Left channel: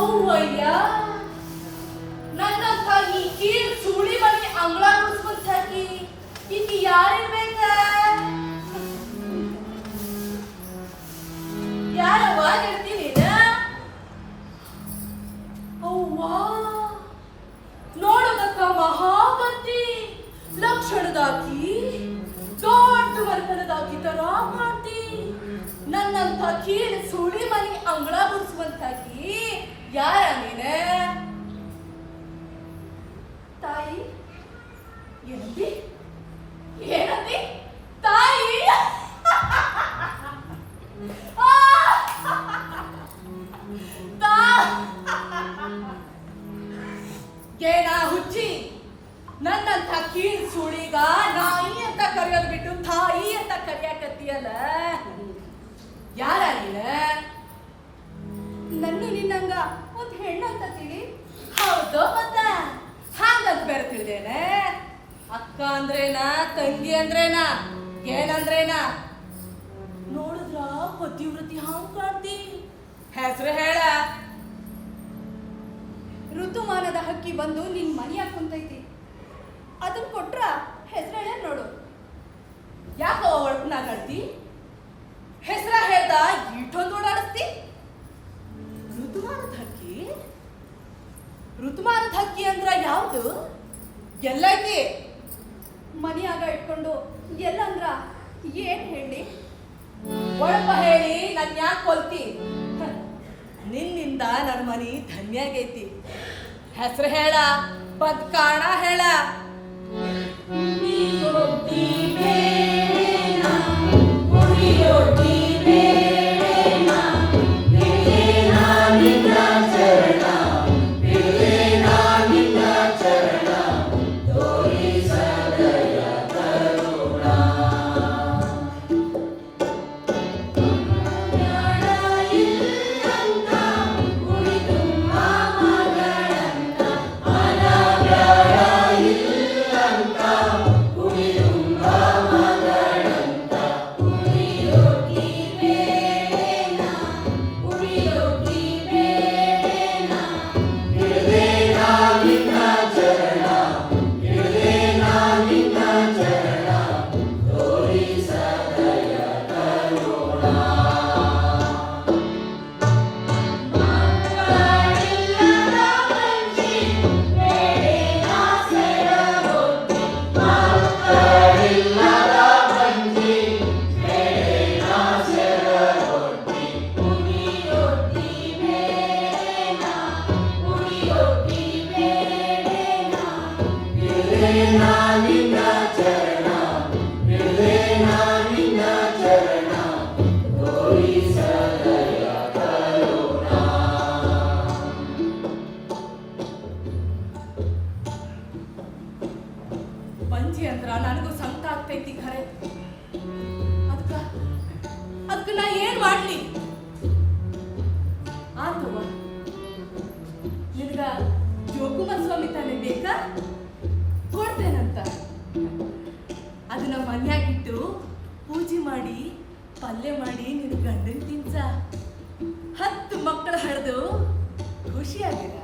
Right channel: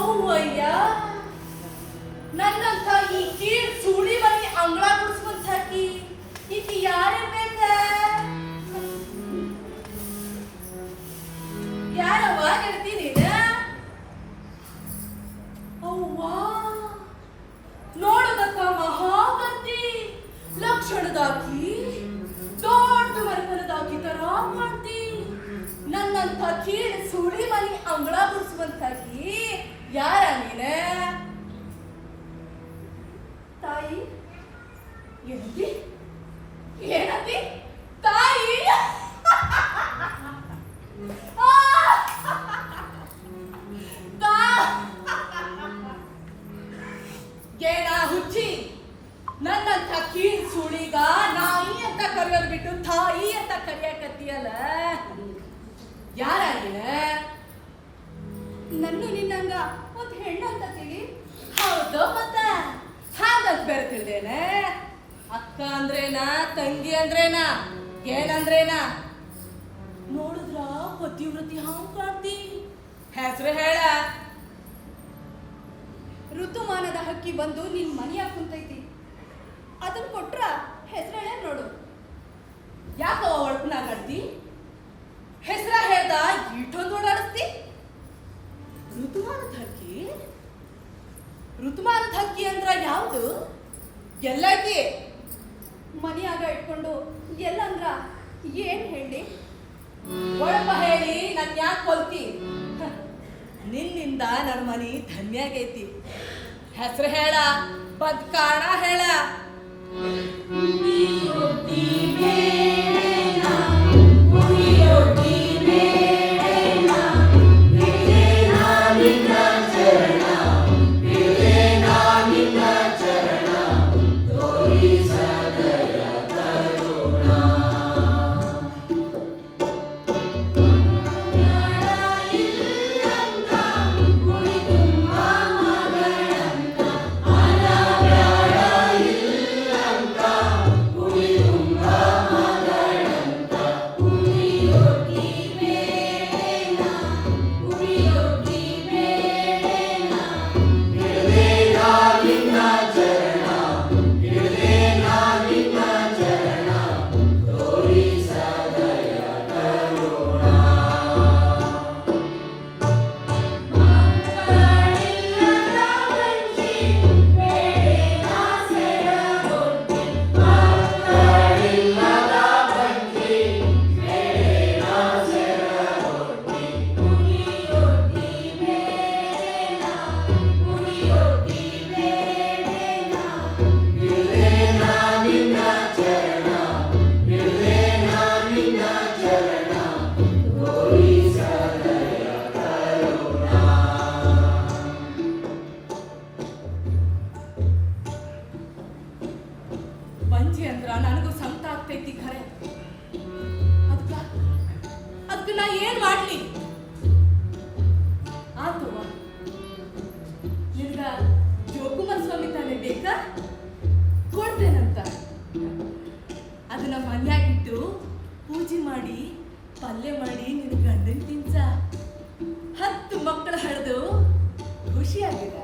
ಅವ್ವಯ್ಯ, ನನ್ನಂತ ಈ ಕೀಳ್ ಸುಳಿ ಮನೆ ಅಂಗಳ ಗುಡಿಸ್ಕೊಂಡ್ ಸಾಕಿ ಈಕಿ ಯಾರಿರ್ಬೇಕ? ಯಾರವ್ವ ಗೆಳತಿ ನೀನ? ಅವ್ವ, ನೋಡುದಕ್ಕ ಮಹಾಪತಿ ಲಕ್ಷಣದಾಕಿ, ದೊಡ್ಡ ಮನೆತನದಾಕಿ ತರ ಕಾಣ್ತಿ. ನನ್ನಂತ ಕೀಳ್ ಸುಳಿ ಮನೆ ಅಂಗಳ ಗುಡಿಸುವಂತಾಕಿ ಯಾರ ನೀನ? ತಾಯಿ ಏನಂತಿ? ಏನಂತಿ? ತಾಯಿ ಏನ ಹುಚ್ಚಿ, ನನ್ನಂತ ಕೀಳ್ ಸುಳಿಗ ನಾಯಿ ಅಂತ ಕರೆಯೋದು ಬಿಟ್ಟು ತಾಯಿ ಅಂತ ಕರೆಯಕತ್ತೀಯಲ್ಲ, ಯಾರ ನೀನ? ನನ್ನ ನಿನ್ನಂಗ ಒಂದ್ ಹೆಣ್ಣು ಅಂತ ತಿಳಿ. ಹೌದು, ಮತ್ತ ಹಾಗಂತ ಬೇರೆ ತಿಳಿದೇನೆ. ಅಕ್ಕ ಅಂದ್ರೇನಾ, ತಂಗಿ ಅಂದ್ರೇನಾ, ಏನಂದ್ರೇನಾ? ನೋಡಿದ್ರ ಪತಿವ್ರತಿ ಹಾಂಗ್ ಕಾಣ್ತಿ. ಹೆಸರು ಹೇಳ. ಋತುಮಾನದ ಹಕ್ಕಿ ಬಂದು ನಿನ್ ಮನೆಯಾಗ ಕುಂತೈತಿ. ಅದನ್ನ ಕೊಟ್ರ ಹೆಸರು ಹೇಳ ನೋಡು. ಯಾಕವ ಒಳಪನಾಗ ಆಡ್ತಿ? ಹೆಸರ ಹೇಳ್ದ ಇಷ್ಟೊಂದು ಓಡಾಡಿಸ್ತಿ? ಋತುಮಾನದ ಹಕ್ಕಿ? ಋತುಮಾನದ ಹಕ್ಕಿ ಅಂದ್ರ ಯಾವ್ದು? ಎಲ್ಲೈತಿ? ಮನೆಯಾಗ ಇಟ್ಕೊಂಡು ಎಲ್ಲಂದ್ರ ಏನ್ ಹೇಳಿ? ಒಳಪ ಹೇಳಿ ನನ್ ಯಾಕೆ ಕೊಲ್ತಿ? ನಿನ್ನಿಂದ ನನ್ನ ಮನಿ ಧನ್ಯ ಆಗೈತಿ. ಹೆಸರು ಹೇಳ, ಬದ್ಕಾಣ ಹೇಳ. ಬಂಜಿ ಅಂದ್ರ ನನಗೂ ಸಂಕಟ ಆಗ್ತೈತಿ ಖರೆ. ಅದಕ್ಕ ನಾ ಏನ್ ಮಾಡ್ಲಿ? ಆತವ, ನಿನ್ಗ ಜೋಕುಮಾರ್ ಸ್ವಾಮಿ ತಾನೇ ಬೇಕಾ? ಕೊಡ್ತೇನಂತ. ಅದನ್ನ ಮನ್ಯಾಗಿಟ್ಟು ಪೂಜೆ ಮಾಡಿ ಪಲ್ಯ ಮಾಡಿ ನಿನ್ ಗಂಡನ್ ತಿನ್ಸ. 10 ಮಕ್ಕಳು ಹಡ್ದು ಖುಷಿಯಾಗಿದ.